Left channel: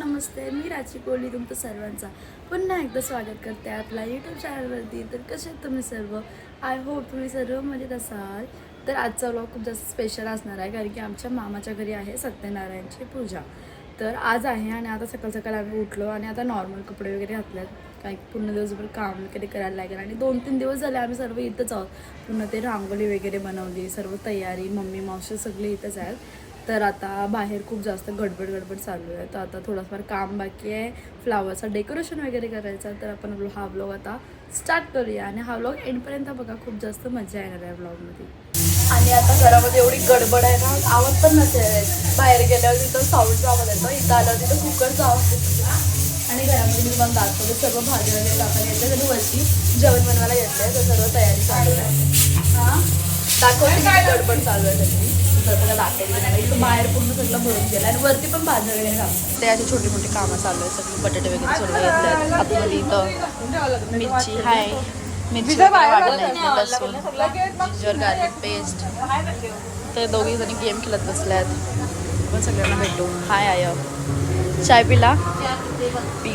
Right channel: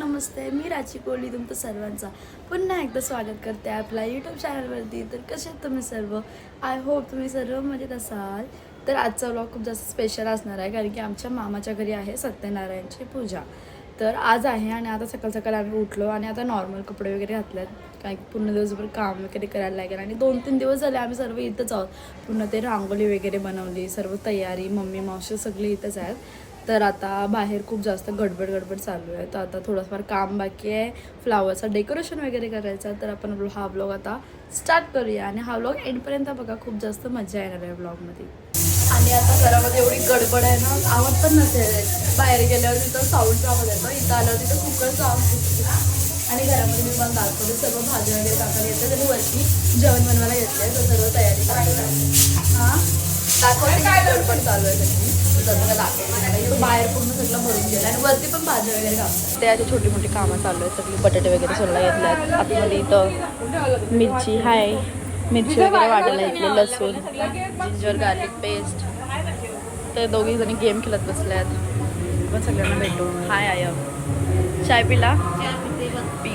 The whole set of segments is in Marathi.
नमस्ते, मी राची कोहली तुमचं सर्वांचा पुन्हा एकदा स्वागत करते आपल्या यूट्यूब चॅनलवरती. तर कसे आहेत तुम्ही सर्व? आय होप तुम्ही सर्व मजेत असाल. तर आजचा व्लॉग खूप जास्त स्पेशल असणार आहे, कारण की आमच्या मामाच्या घरी आहे सत्यनारायणची पूजा. तर आज आहे आणि आता सकाळ सकाळ आम्ही उठलो आणि आता नॉर्मल कपडे वगैरे घातल्यात, काही पूर्ण दिवसभर काम वगैरे करायला लागेल. आणि 2-3 दिवस झाले आम्ही सर्व इथंच आहोत. पूर्ण ते रांगोळी वगैरे बनवली, सर्व तयारी, मम्मी मावशी सगळे इथंच आहेत. तर आता बाहेर खूप जास्त गडबड चालू आहे. तर आता थोडंफार काम बाकी आहे, फ्लावरचं डेकोरेशन वगैरे करायचं. तर आपण हा व्लॉग आता स्टार्ट करूया आणि हा व्लॉग एंडपर्यंत बघा, खूप जास्त मजा येणार आहे व्लॉगमध्ये. आणि आता घरामध्ये एवढी गडबड आहे ना, आवाज पण नसेल. बाहेर गेल्यावर तिथं साऊंडचा आवाज येतो, इथं आल्यावर तिथं कुकरचा आवाज येतो. आणि घरामध्ये मी तुम्हाला दाखवते सर्व भाजी वगैरे टाकायला येते आणि वरती जेवण बनवायला घेतले. तर सर्व तयारी चालू आहे. हां, दाखवते किती गडबड चालू आहे सगळी. बघा दाखवते इथं बाहेर पूर्ण सगळं भरून गेलं आणि वरती पण भाज्या वगैरे कापतात. ते अशी छोटी मोठी कामं चालू आहेत. सगळी बटाटे वगैरे सोडला घेतल्यात. आतमध्ये इथं मिरची हाय, मिरची वगैरे वाटायला घेतले, लसूण, जिंजर गार्लिक पेस्ट. तर दोघी जणी गेम खेळत बसल्यात. आपण सगळ्यांना भेटू. हाय आय, चाय पिला? पी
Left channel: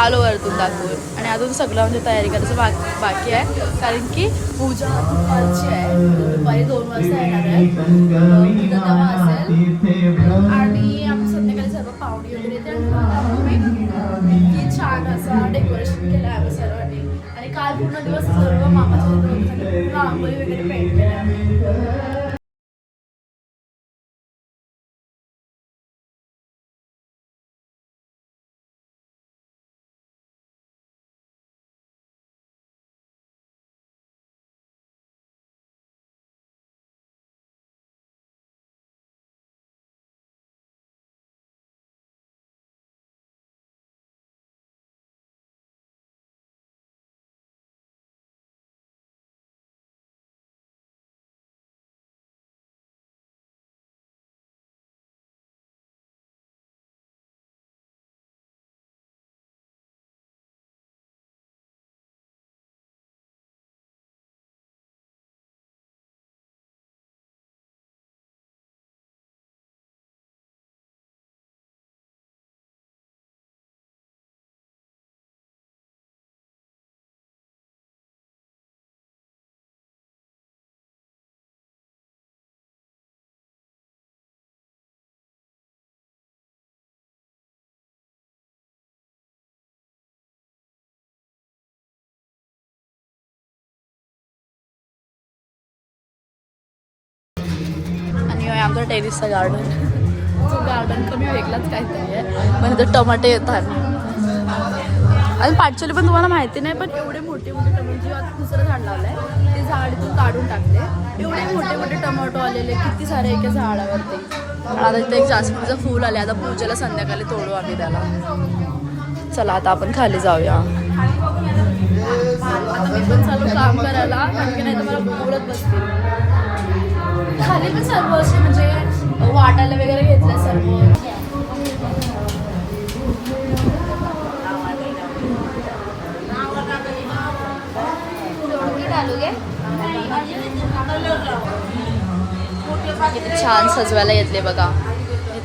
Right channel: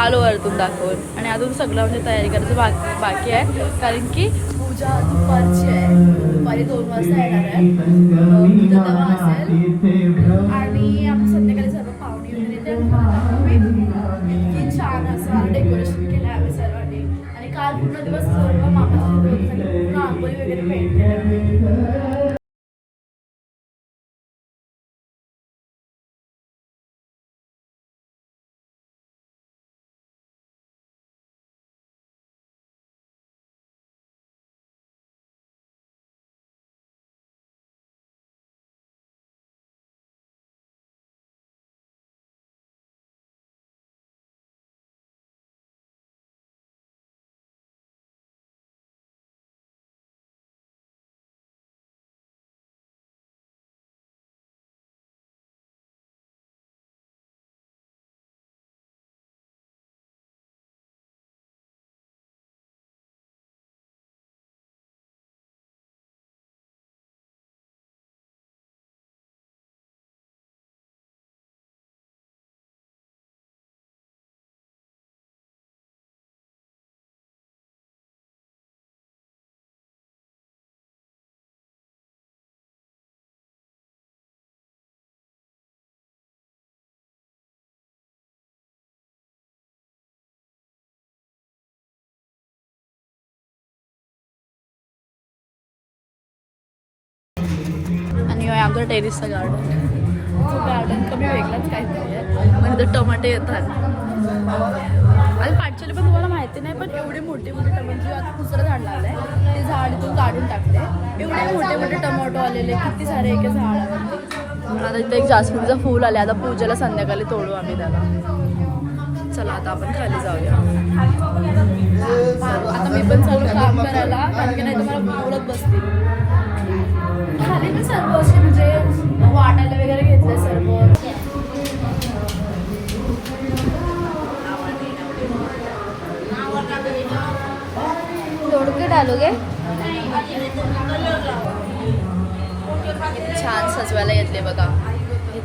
आलो वरतून दाखवून. आणि अजून सगळं म्हणजे तयारी करायचं बाकी आहे, कारण की पूजा दुपारची आहे. दुपारी 2 वाजता येणार आहे पूजा तेव्हा असेल. आणि आम्ही संध्याकाळी सर्व पाहुणे वगैरे येते. की छान असं डेकोरेशन केलं आहे आम्ही सर्वांनी. आणि काल पूर्ण दिवस सर्व मामाच्या पूर्ण आंघोळी वगैरे पेंट केल्या. आणि आमचा टेरिसचा गार्डन कमी वेगळाच काहीतरी आहे. पण इथं टमाटे येतात. आणि पाठचोली पण तुम्हाला माहिती नाही, पण एवढे मोठे मोठे टमाटे. आता दुसरं झाड लावलंय, ते झाड इथून काढून टाकले. एवढे मोठे मोठे टमाटो आलेले, किती सारे एका झाडावरती. आता इथे एक जास्मिनचं फूल आले. आता पूजेला संध्याकाळी तोडू आम्ही त्याला. चला आता आपण खाली जाऊया. आता मी पण चालू काम करायला, कारण की नाही तुम्हाला बोलत बसते. खाली मी सर्व असे म्हणजे वाटायला वगैरे घेतलं सर्व. किती छान सजवायला घेतले बघा.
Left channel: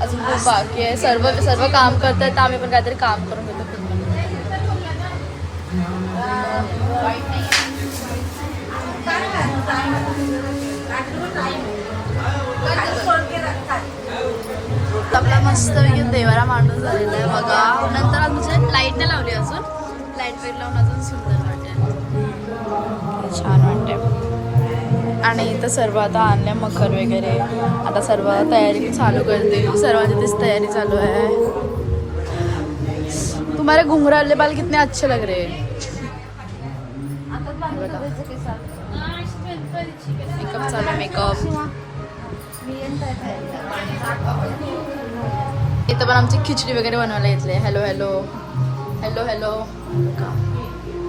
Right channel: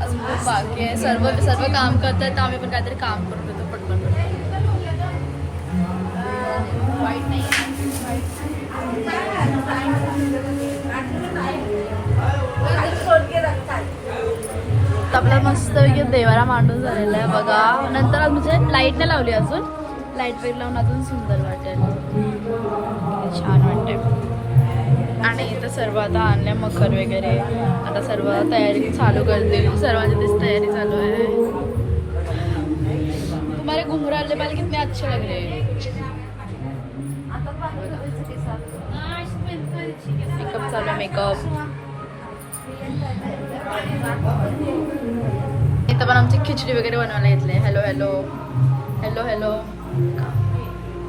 अजून खूप बाकी आहे. सर्व काम करतात, आम्ही पण काहीतरी काम करत होतो पटकन. आपला मस्त देवारा मांडून झालेला आहे बघा. नंतर म्हणजे लाईट नाही लावली अजून, लाईट वगैरे लावून अजून सुंदर वाटेल, छान वाटेल. आणि इथं सर्व आता आणल्या मखर वगैरे. आता सर्व तयारी चालू करते. सर्वांची तीच तयारी चालू आहे. तुम्हारे घुंघरू वाले बाल कितने अच्छे लग रहे हैं. मेकअप चालू आहे, मेकअप. इथं पण आमची खिचडी वगैरे बनवायला येतले. Hello hello hello hello.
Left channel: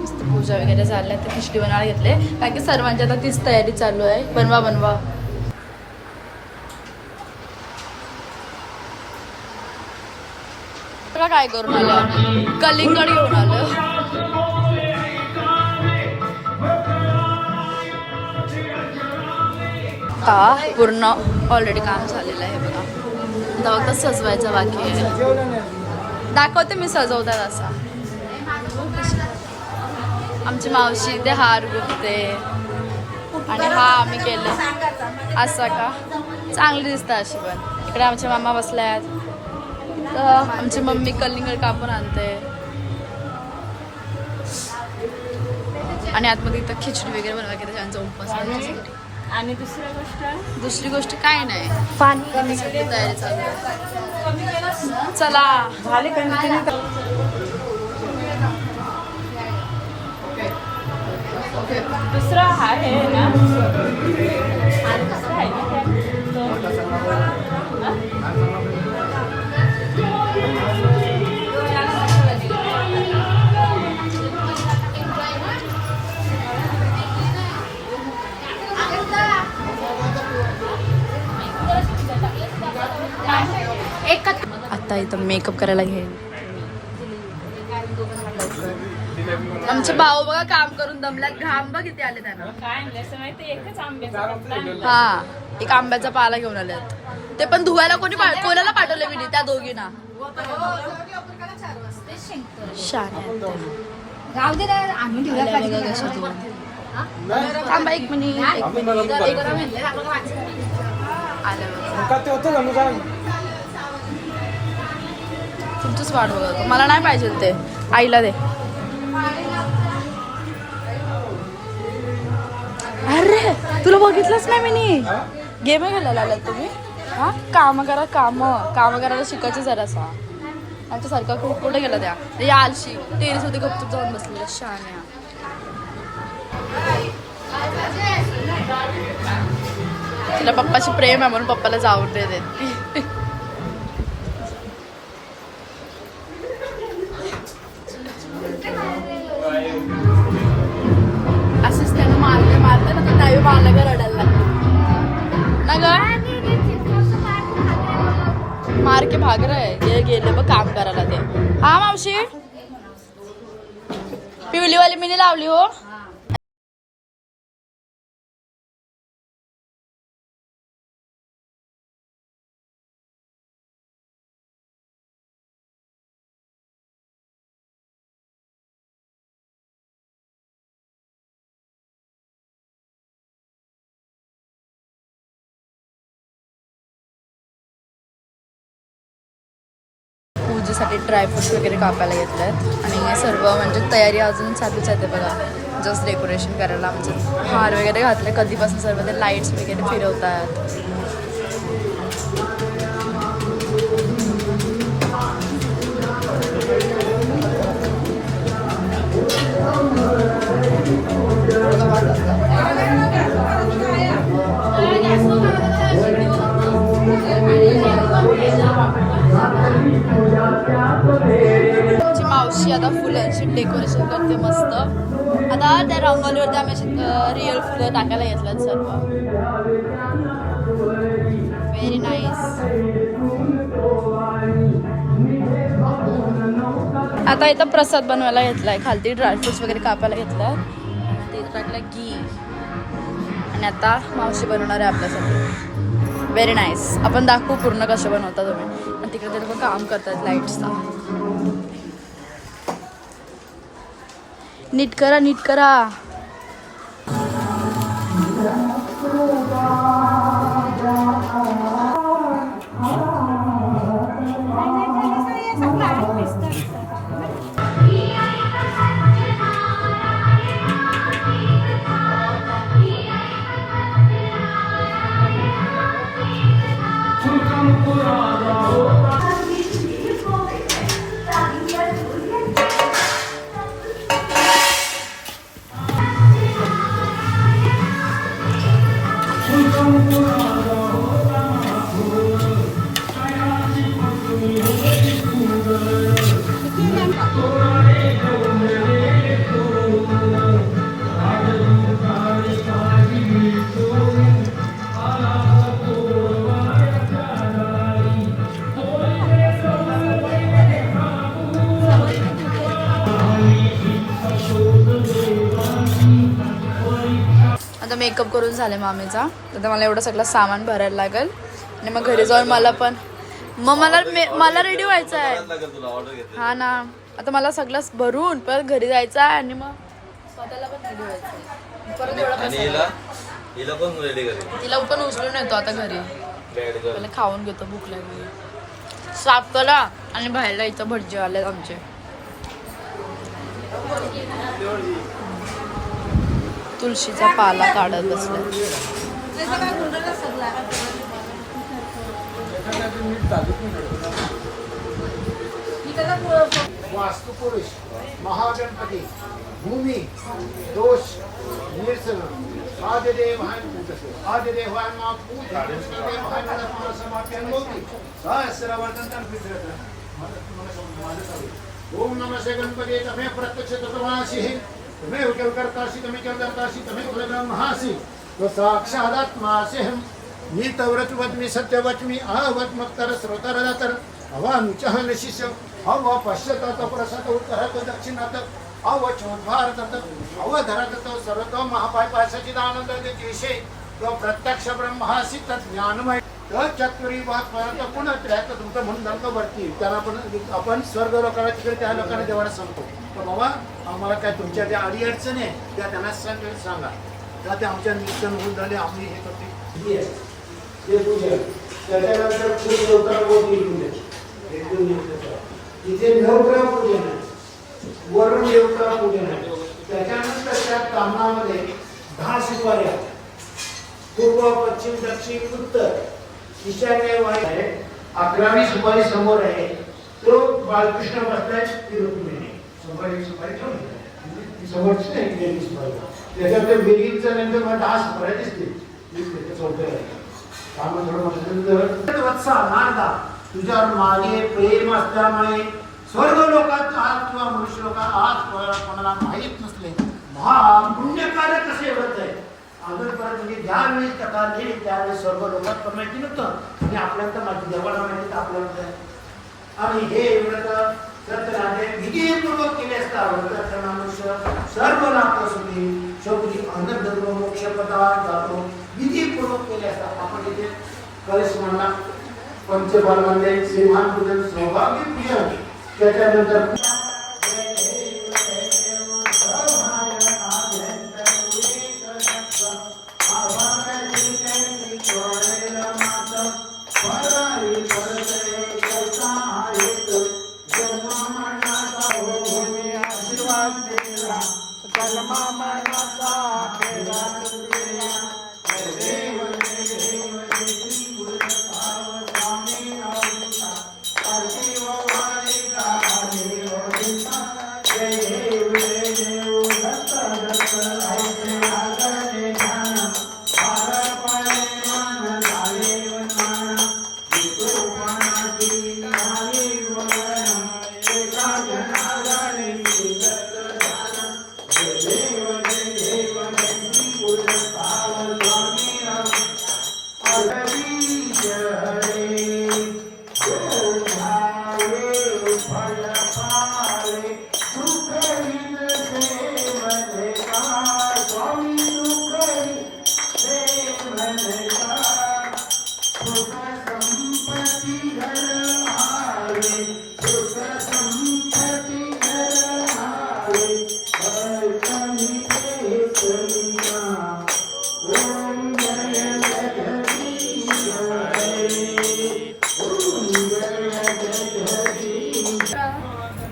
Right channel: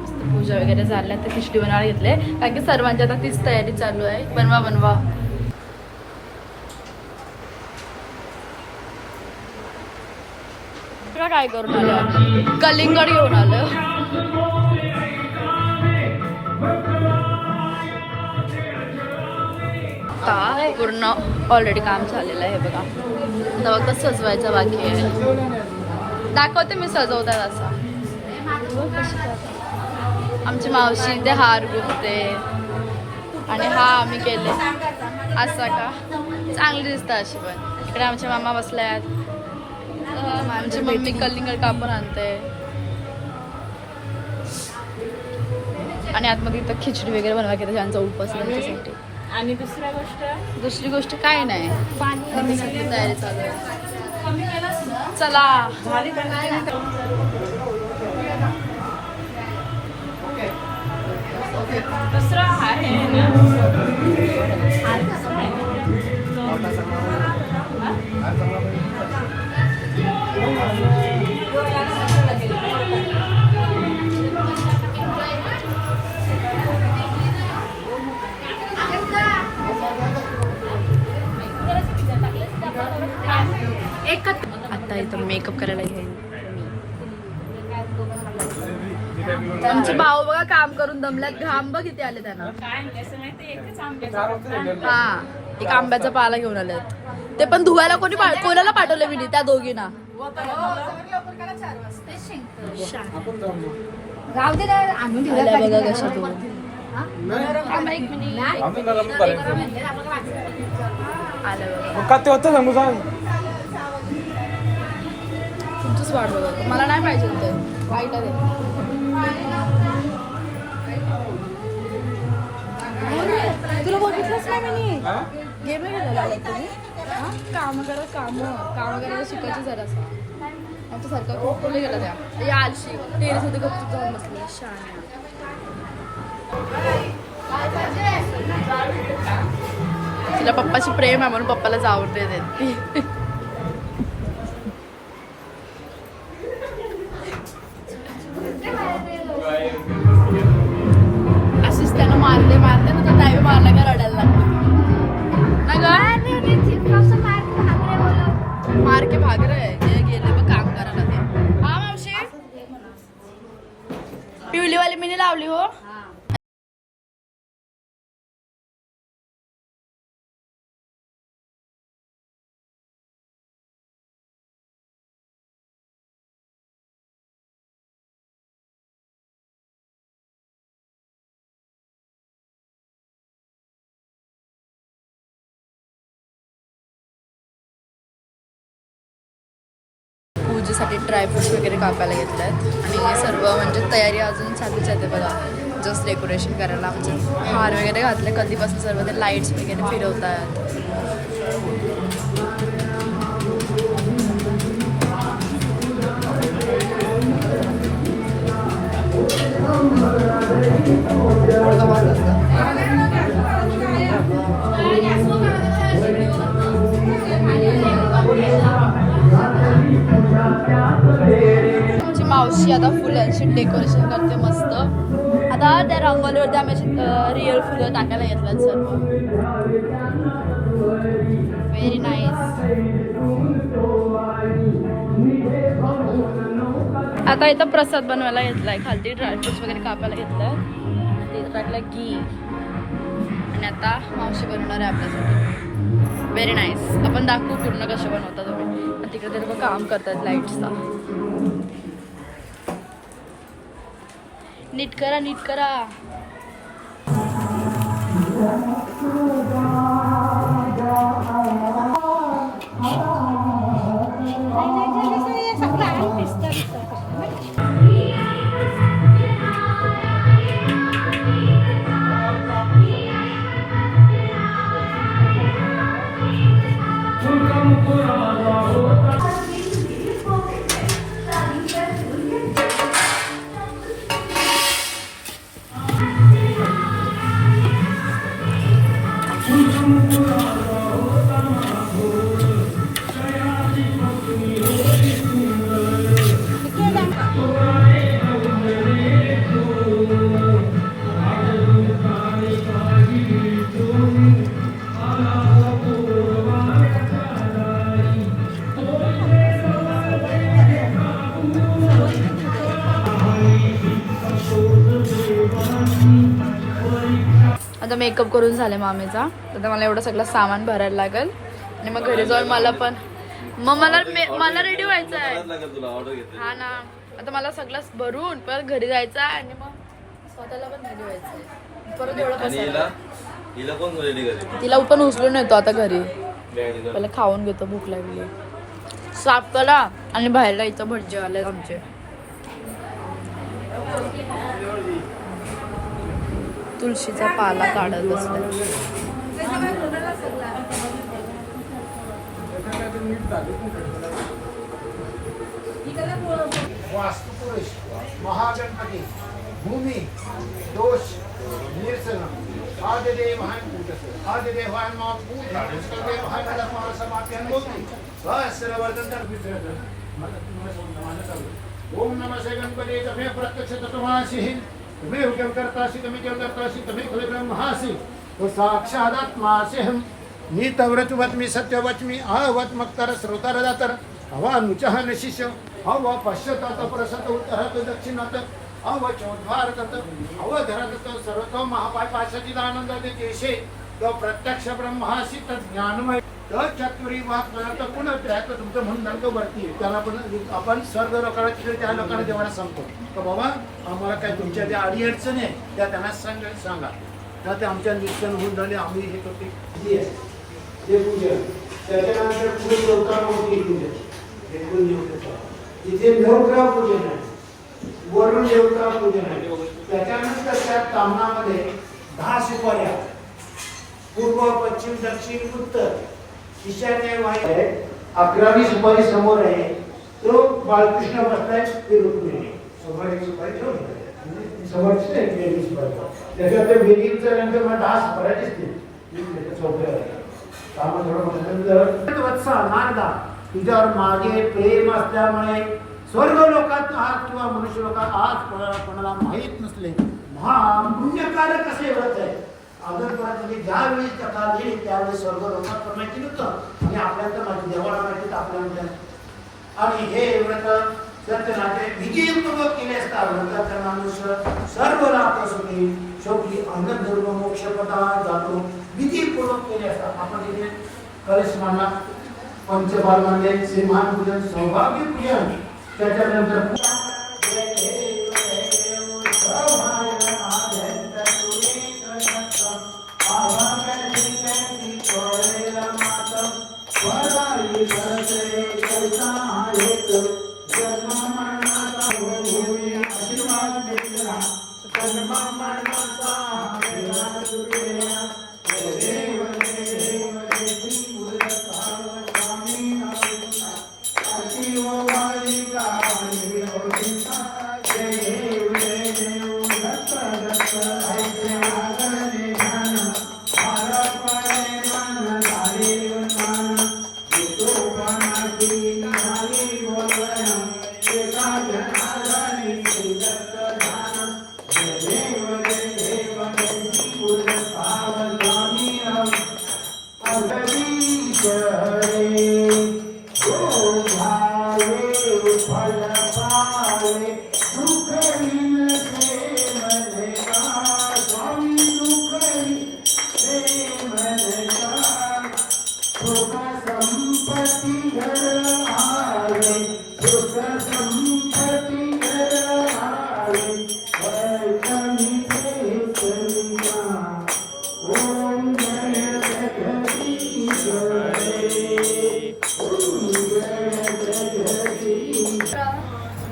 मस्त पूजा वगैरे झाल्या तर खिचडी बनवायला घेतले कारण की सर्वांची आता तीच तयारी चालू आहे. बनवा बनवा. काय करून आलं कलिंगड घेऊन आलं. आता पूर्ण ऑलरेडी काम झालेलं आहे बघा. आता फक्त सजवायचं बाकी आहे. दाखवते मी सजवतात असा. आमची मावशी ते हार गुंफते आणि हा आम्ही केले असं का चांगली दिसतं अशी. पण इकडे आमचे मामा बसल्यात. आमची मम्मी कलिंगड कापून आणते आणि आतमध्ये इथं खिचडी वगैरे बनवायची त्यांचा उपास. आणि दुसरी गोष्ट काय नाही. पाणी करण्यासाठी तयारी चालू आहे. चला दुसरा आहे ना. आता इथं मेकअप करायला घेईन. आमचे भाऊ बघा काम करून दमल्यात. घाम बघ किती आले त्यांना. हा एक आंब्याचा पाला घेऊन आलेत. ते पण धुवायला कोणाला पाठवलं मी त्या दोघींना. एक मिनिट आलं बघा. तुमचंच वाट बघा. मला नाही पाहिजे ते. आईला दे. अरे तुला बघितलंच नाही मी. गेम घालायला आलात तुम्ही. हा काम करा. काम करायला शिकायचं जरासा. आमच्यासारखा खूप कुठे गेला त्या आलशी टेरेस होते गपचूप जाऊन बसलेला शान्या. तिला पप्पाची प्रेम आहे म्हणून पप्पाला जाऊन देते ती. अशीच त्यानं मारले ना तर त्यावेळी मारला का रडायला लागले ना ग. मार के भाग रहे. ते गेले बघ काम करायला ते. हा मावशी पिवलीवाली मीने लावली हो. पूजेसाठी ड्रायफ्रुट्स वगैरे कापायला घेतल्यात आणि सर्व म्हणजे तयारी अजून चालूच आहे. बघा जस्ट डेकोरेशन करायला म्हणजे हार वगैरे घातले कधीपासून. सर्व ते लाईट्स वगैरे फिरवतात. मावशी आता फुलांची डेकोरेशन करते मस्त. आता त्या रंगोलीवरती आम्ही अशी रिअल फुलं टाकायला घेतल्यात सर्व. Very nice. आता इथं प्रसाद बनवायला घेतलाय. खालती ड्रायफ्रुट्स वगैरे कापायला घेतलाय. ते टाकलं घी आणि आता मावशी बनवणार आहे आपल्यासाठी. Very nice. आपण दाखवू पूर्ण कसं बनवता तुम्ही. आणि तिकडे ते लोक काम करतात लाईट्सचा. नीट करा नीट करा. आता मेकअप करून झाले मामीचा. तर मला एवढं सगळं सामान भरायला लागेल आणि मग घरी जाऊन मला पण मग मला रेडी व्हायचं आहे. हा ना, आता मला सगळं भरून परत घरी जायचं आहे आणि मग स्वतःला पण रेडी व्हायचं आहे. परत एवढं तिला पण उचलून येतो आता घरी. पहिला खाऊन घेतो, भूक लागली. साफ करा आणि बाहेरला इथं भटजे आले आमचे. तुळशीचा पाला काढत बसलाय. वास्तुपुरुष महागणपती भूमी दोष निर्सन आदिदेवान पूजस आदिदेवान मा पूजदेवान समाप्यं होती सहस्रवर्धन ओम नमः श्री गणपती तमे प्रत्यक्ष तत्वासी तुम्हें उकेल करतासी तुम्हें केल करतासी तुम्हें खले ब्रह्मासी तो साक्षादात्मासी हम मी तव्रत वच्मी सत्यवच्मी अहवत मत्तर श्रोतर दातर हवा नुचह नशिष्य हवा पश्चात प्रसत उत्तरात दक्षिणात अव चौद्वारत अव धरत सर्वतो महापाय पाशाची आनंद देशे तो प्रत्यक्ष ब्रह्मासी तत् ज्ञानमय चतुरी वाद कोण त्र्याहत्तर तुमचं म्हणून तो वरती त्याला आपण स्वर्ग लोकांना तिकडे त्या लोकांना जेव्हा सांगतो तर बाबा आम्हाला काय तुमच्या ज्या अडीअडचणी आहे त्या त्यांना सांगा का ते आमच्या नृत्य होऊन झाले आम्ही हे करते हे पूजा त्याच्यानंतर खूप देवतांवरती पूजा तिथे देवता पूजन आहे वरुण देवता पूजन आहे त्याच्यानंतर त्या तामणामध्ये 10 सुपाऱ्या पूर्व पश्चिम दक्षिण उत्तर ईशान्य वायू आहे 11वी सुपारी समोर आहे तो बाळकृष्ण बसलाय ते रुक्मिणी समोर एक सुपारी ठेवली समोरची एक सुपारी त्याच्यानंतर बेगीनचा नंतर मला 10 सुपाऱ्या दिसतील चौथ्या काम थोडं बसल्यानंतर वत्सा नारदा तुझ्यावर मागे प्रेम असल्यामुळे स्वर्ग लोकात आज किंवा मनुष्य लोकात आज कोणाला माहीत नसले महापुण्यकार्य कसे होत आहे अगोदरपर्यंत म्हणजे ज्यावेळी कथा आली त्यावेळी स्वर्ग लोकात पण माहिती नव्हतं आणि आपल्याला तर माहिती देवाला माहिती आपल्याला आणि हे व्रत सत्यनारायण विजयपूर्वक केले असता व्रताचा मनुष्य सर्व नापसुनी शेवटी अंधधर्म मोक्षपदा जातो विधीपूर्वक केले असता आपण इथे कलश मांडला पंचबाल मांडले श्रीमान पूजन सौभाग्य पूजन त्याच्यानंतर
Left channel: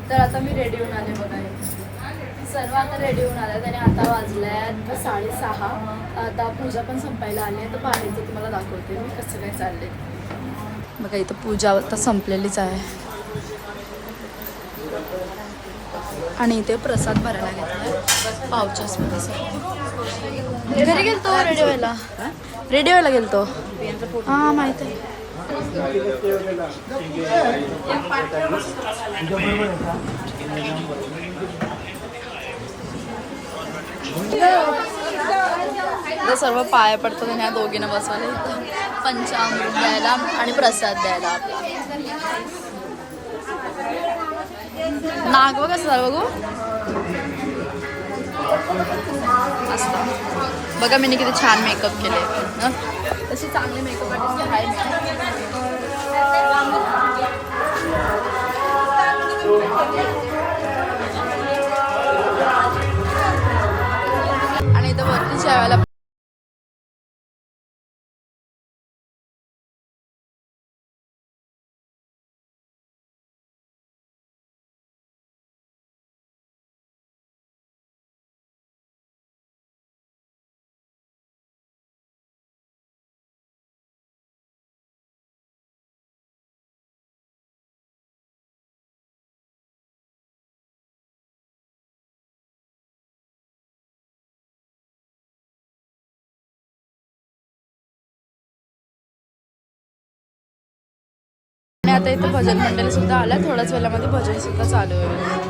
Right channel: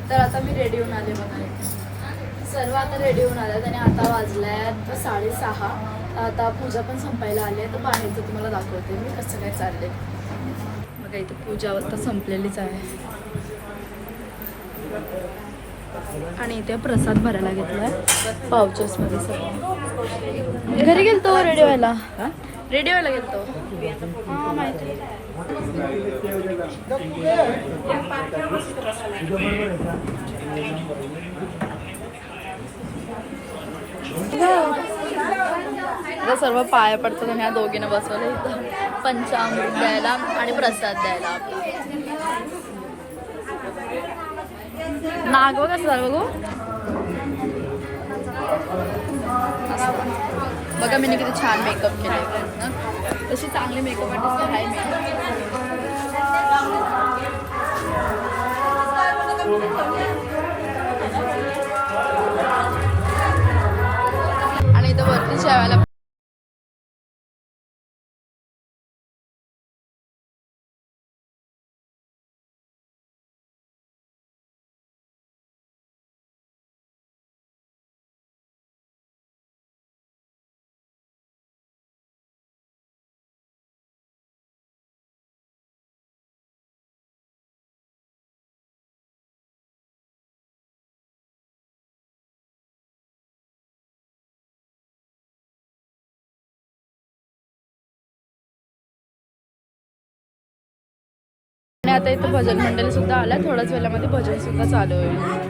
तर आता मी रेडी होऊन आले बघा. सर्व आता रेडी होऊन आल्यात आणि आता वाजल्यात 6:30. आता पूजा पण संपायला आली आहे. तर बाहेरचं तुम्हाला दाखवते मी कसं काय चाललंय बघा. इथं पूजा आता संपलेलीच आहे आणि इथे प्रसाद भरायला घेतलाय पाउचेसमध्ये सगळं. घरी गेलतो रेडी व्हायला गेलतो. हां माहिती आहे. सर्व पाया पडतात आणि ह्या दोघींना बसवलं इथं पंचामृत द्यायला आणि प्रसाद द्यायला. आपला नाग बघ कसं झालं बघू असतं. बघा मी किती छान मेकअप केले ना, तशी चांगली मेकअप आर्टिस्ट आहे मी. आणि इथं वरती जेवायला आणि आता इथं भजन मंडळी सुद्धा आल्या. थोड्याच वेळामध्ये भजन सुद्धा चालू होईल.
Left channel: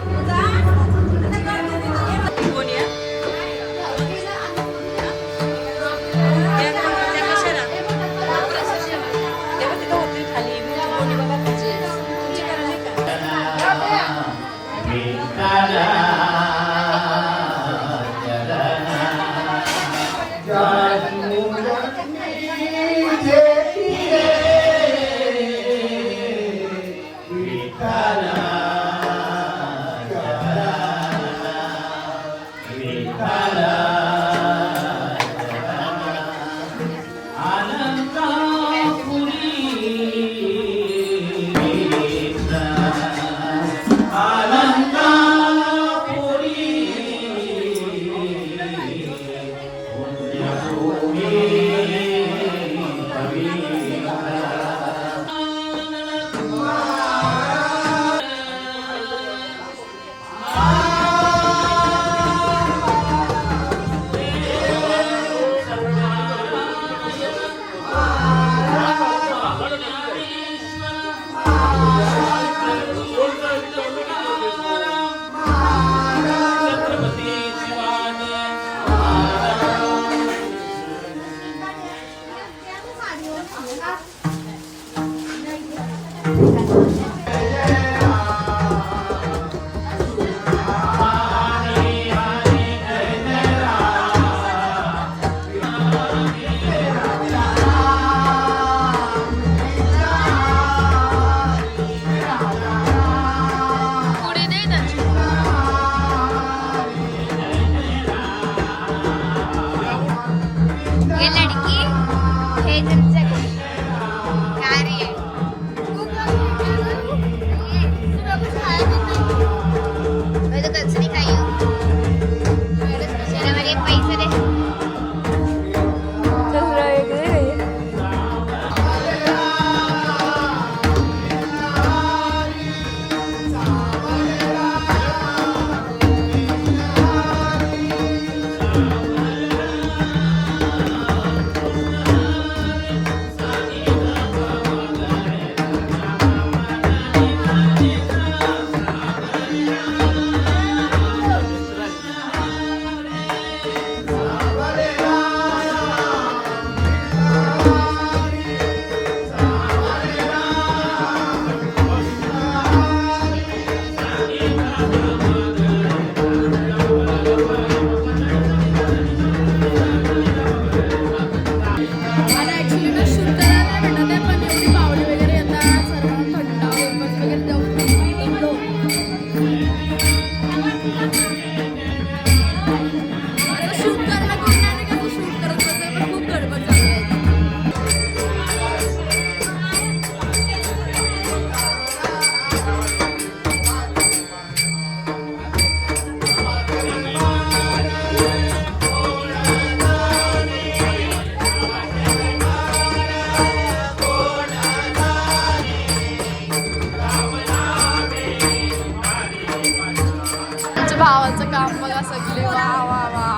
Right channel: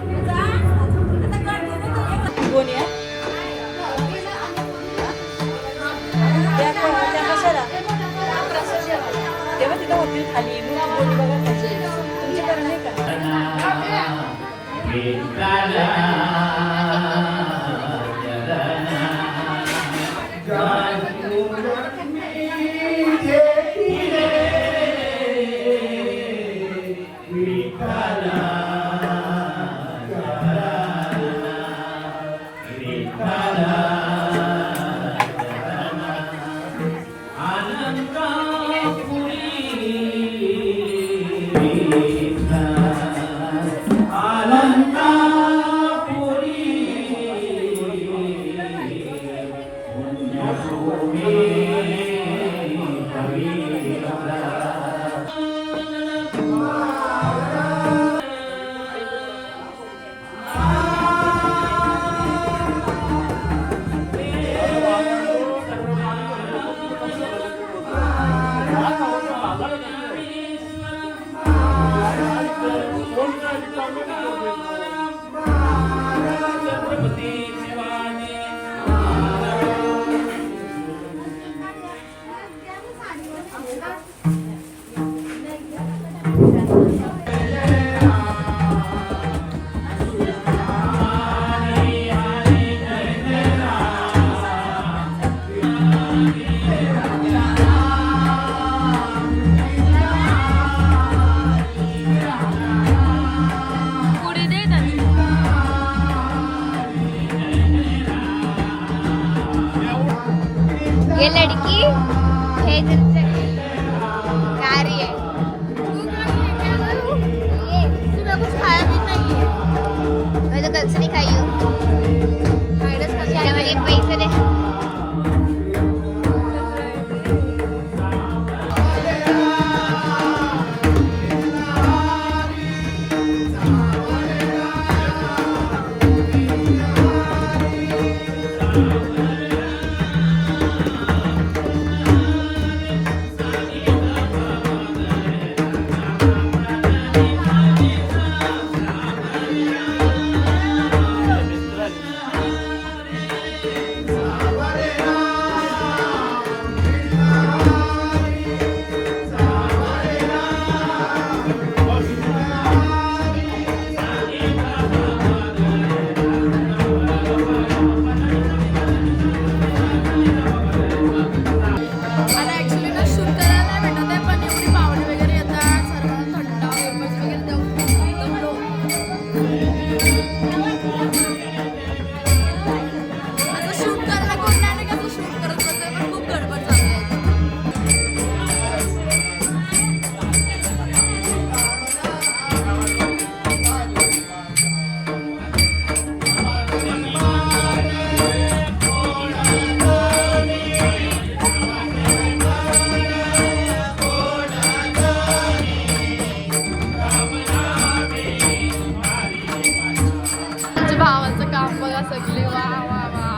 भावाचं काम बघा सगळे. वा वा वा.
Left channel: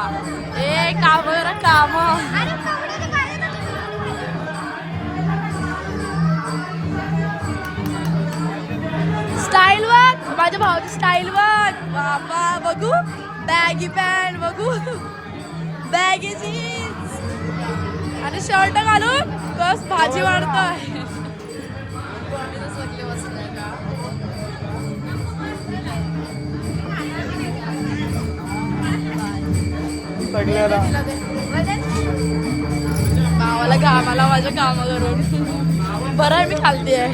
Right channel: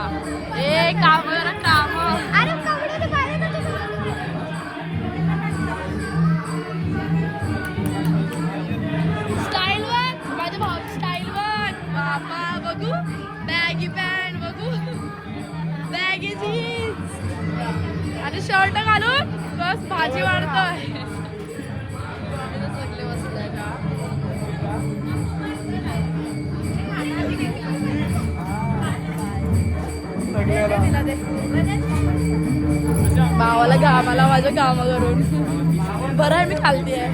ए काम करा काम. स्टाईल वर माझ्या भावाची स्टाईल वर. बाबा बघू. बॅगी पॅन्ट बघू. बॅगी जीन्स आणि शर्ट घालून बस भाजी वाढतोय. सगळे बसले. तिला दे. आम्हाला माझ्या कामा करून. बरं आहे मी खालती आहे.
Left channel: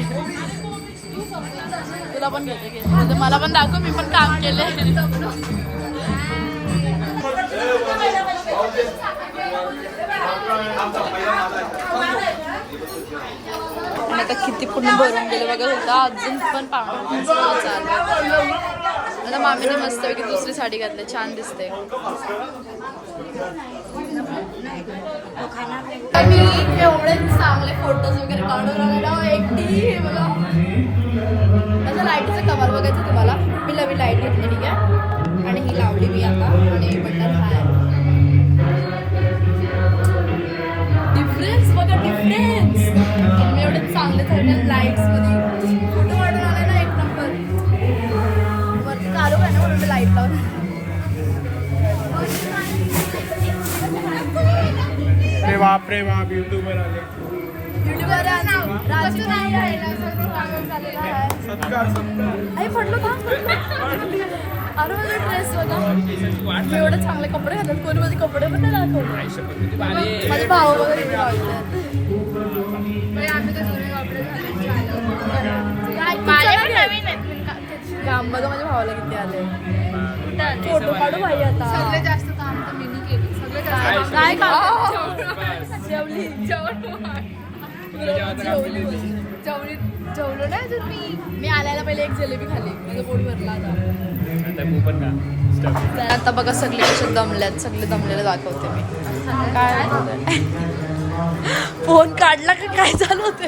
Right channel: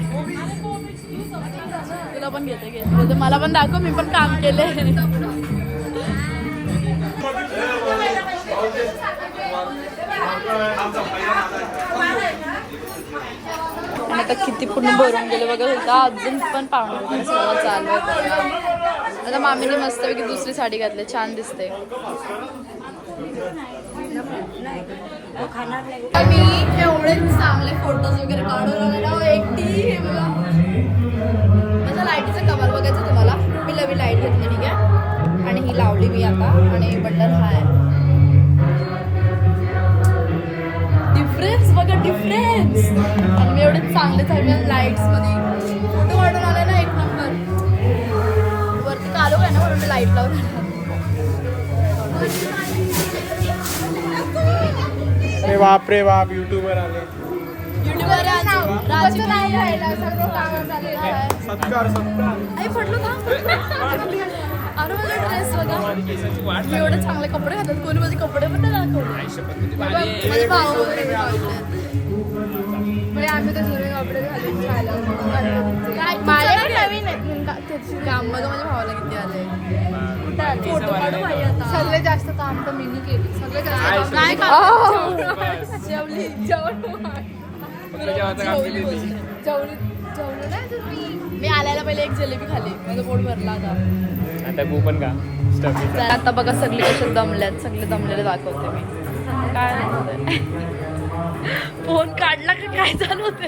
तुला पण घेते घेते मला पण दाखव मी पण काम केले. आणि आता किती पूर्ण भरून गेले बघा होता. अजून पण पाहुणे चालू आहे. आता मामीने मस्तपैकी दुसरी साडी घातली छान दिसते. मी एवढे चांगले फोटोज वगैरे काढून आलेला एकटी. हे बघा माझ्या लाईटीचं कमाल बघायचं तुम्हाला. मी नवीन लाईट घेतली ठीक आहे आणि ही लावली मी आता. आणि बटन हा आहे. डिफरन्स बघा डिफरन्स. मी एवढे चांगले चांगले लाईट्स मध्ये फोटो काढून आले ना एक नंबर. वरती चालू आहे ना म्हणून मी लाईट लावून. बापरे बाप युट्यूबर आले. युट्यूबर आई पडलो का. अरे माझा ड्रेस बघा. मी एवढे चांगले कपडे घालतात. कोणी माझे कपडे पण नाही दाखवले. माझे भाऊ वगैरे काम बघा माझ्या भावाला किती आले. फोटो काढू भाई आता. सगळ्यात जास्त काम तर मी केली. सगळ्यात जास्त काय काम. जेवली मी आल्याला पहिले एक जलेबी खाली. माझं पोट भरला आता. आता बघा सगळे कसे दमल्यात. सगळे दमलेले दाखवते मी. काय फोन काढला की काय चालू होते.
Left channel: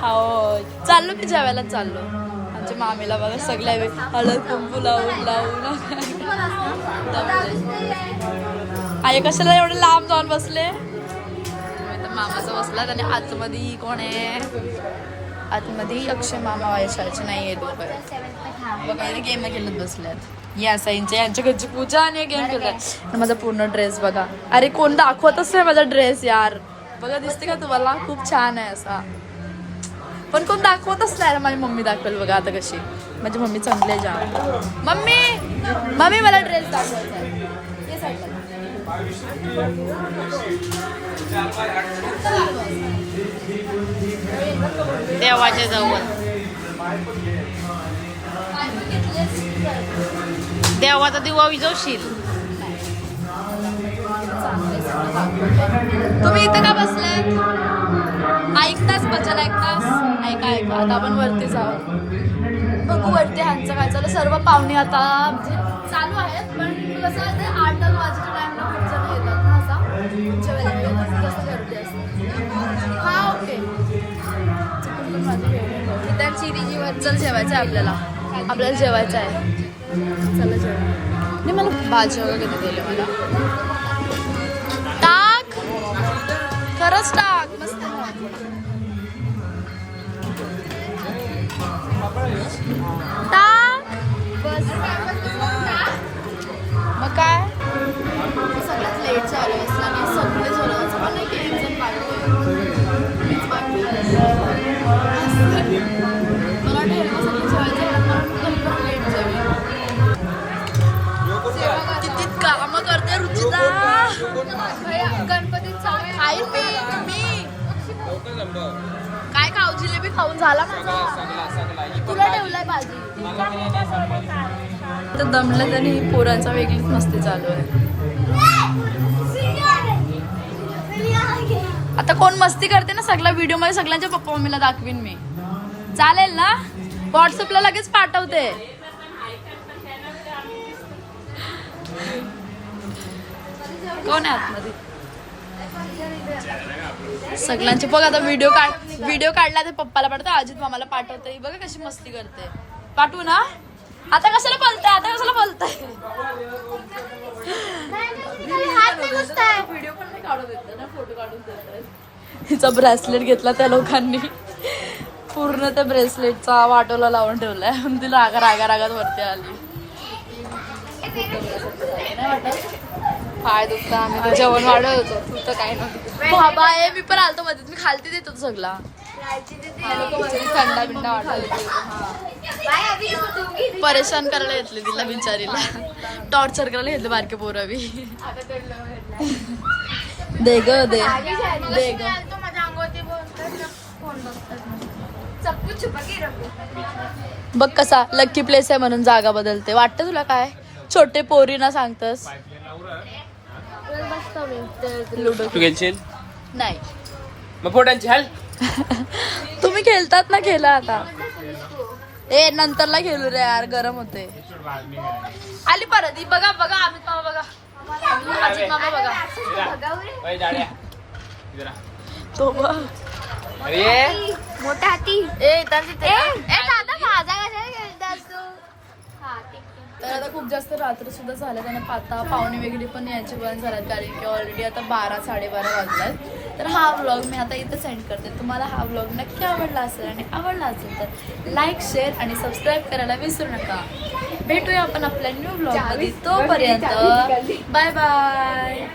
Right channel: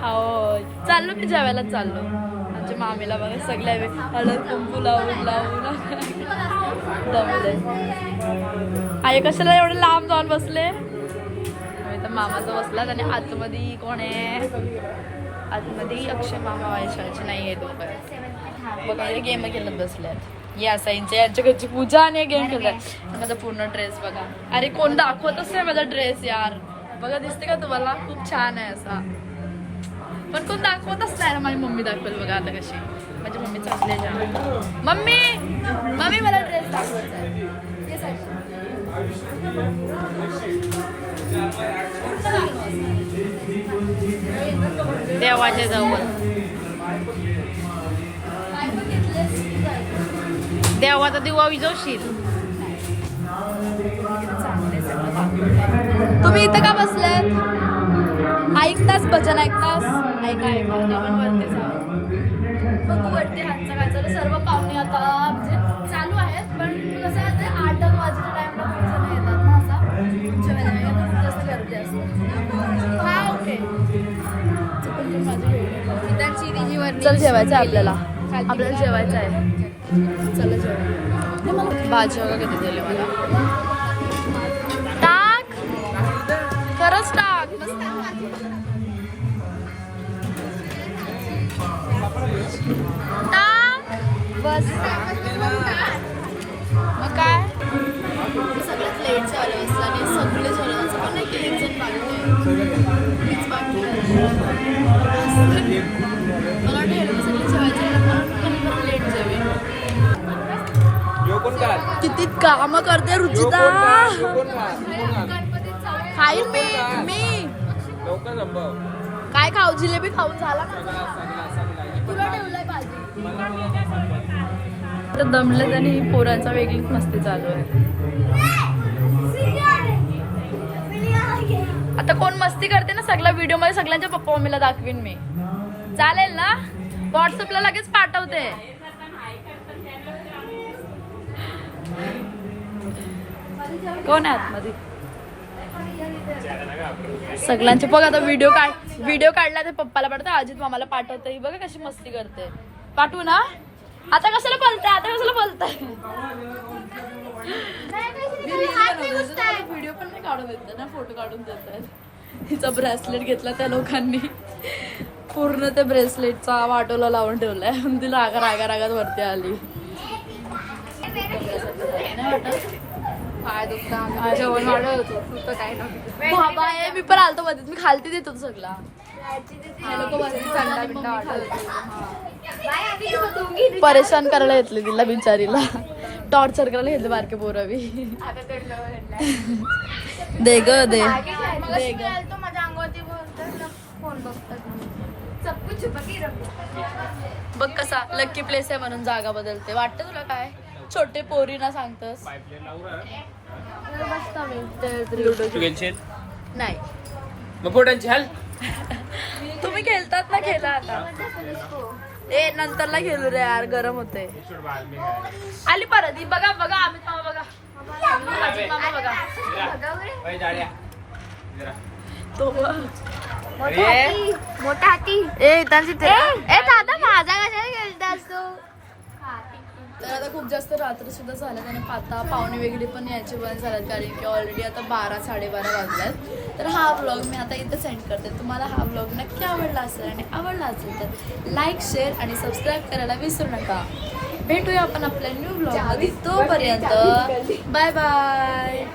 हो चाललो मी जेवायला चाललो. आमच्या मामीला बघा सगळ्या हळद कुंकू लावून दमले. आई कशाला एवढे लांब जाऊन बसले. तर मामाचा बसलात आणि आतमध्ये कोण आहे. आतमध्ये अक्षय मामा वैशाळचे नाही आहे दोघं. बघा गेम खेळत बसल्यात. या साईंच्या यांच्या घरची पूजा आणि गेम खेळतात. माझा पूर्ण ड्रेस बघा. अरे कोण दाखवतच नाही माझा ड्रेस यार. बघा दिसते का तुम्हाला. खूप छान आहे असा. पण कोण दाखवतच नाही. माझी मम्मी दाखवेल बघा आता कशी. माझी मम्मी चांगली आहे जाम. मम्मी मला ड्रेस दाखवायचा आहे. देवाच्या जवळ देवाचा दिवा विजवशील. तुम्ही इथं का बसलात. ऐकतास भजन ऐकतास. ऐका आता आपण वरती जाऊ. बघू वरती ह्यांचं काय चालू. सर्व पाहुणे आता म्हणजे चालू आहेत. पण कसं आहे 8 वाजेच्या टाइमला खूप जण येतात ना. असा जेवायला जास्त गर्दी असते. हा ओके चल जेवायचं आहे आपल्याला जेवायचं आहे. चला जेवा. नाही मला भाजी वगैरे किती दिले मला. टाक खरंच टाक. मस्त टाक बस. मग काय सगळ्यात लेट झालं असताना सगळे झालं. माझं पण नाही टेन्शन बाकी मीच बाकी मला लेट जेवेल. किती काम करते रुचिता. काय खाऊ. जिलेबी खाऊन झाला. तुला ठेवलाय भाजी. तर दमलं आणि पोरांचा वेगळीच मस्ती चालू आहे. आता कोण मस्ती करते ना सगळ्या व्हिडिओ मध्ये सगळ्यांच्या पप्पा मम्मीला दाखवीन मी. चालेल ना. व्हॉट्सअपला लगेच पाठवते. कोण आहे आतमध्ये. सगळ्यांचे बघ आता व्हिडिओ काढला तर पप्पाला पाठवते. अजित मामाला पाठवते. बघा कशी मस्ती करते. पाठवू ना. आता कशाला बोलताय. व्हिडिओ पण नाही काढून देत ना. फोटो काढून देतात. तिचा ब्रेसलेट घेतला त्या लोकांनी. पूर्ण त्या ब्रेसलेटचा वाटोला लावून ठेवलाय. तिला रागात वरती आली. नाही वाटत. पाय दुखता. आम्ही जेवण वाढवत होतो. तू तर काय नव्हती. बाबा मी पण आलतो मध्ये. मी खालती देतो सगळा. थंडा बिंडा वाटत. परेशान करायला घेतले तिला बिचारीला. टॉर्चर करायला घेतले बारके पोरं बी. दे ग दे दे ग तो माझ्या अंगावरती बोलतात ना फोन बघतात ना सब कुछ छुपा के रखो बघ कसा लक्की प्लेस आहे म्हणून जागा बदलते. वाटतं तुला काय छोटे पोरीना सांगतस बसतो मी लुडो तू खेळशील नाही. मग पोटांची हाल तुम्ही खेळतात ना खेळा आता. ए नंतरला खेळू रे यार गरम होते. आली परत ही बघा बघा अमित मामा बघा अजित मामा बघा अय, जाड्या. इकडं आ. तो बघ. अरे मोठा हाती ए त्यांची दादा माझा कशाला खेळतास तू हा ठीक आहे तर आता खूप जास्त रात्र सुद्धा झालं त्याने आता पाहुणे वगैरे पण यायचे बंद झाल्यात कारण की ऑलरेडी आता 12-12:30 वाजलात. तर हा व्लॉग मी आता इथं सेंड करते. तुम्हाला हा व्लॉग नक्की आवडला असेल आणि आवडला असेल तर लाईक शेअर आणि सबस्क्राईब करायला विसरू नका. भेटूया आपण आपल्या न्यू व्लॉगमध्ये. तोपर्यंत बाय बाय.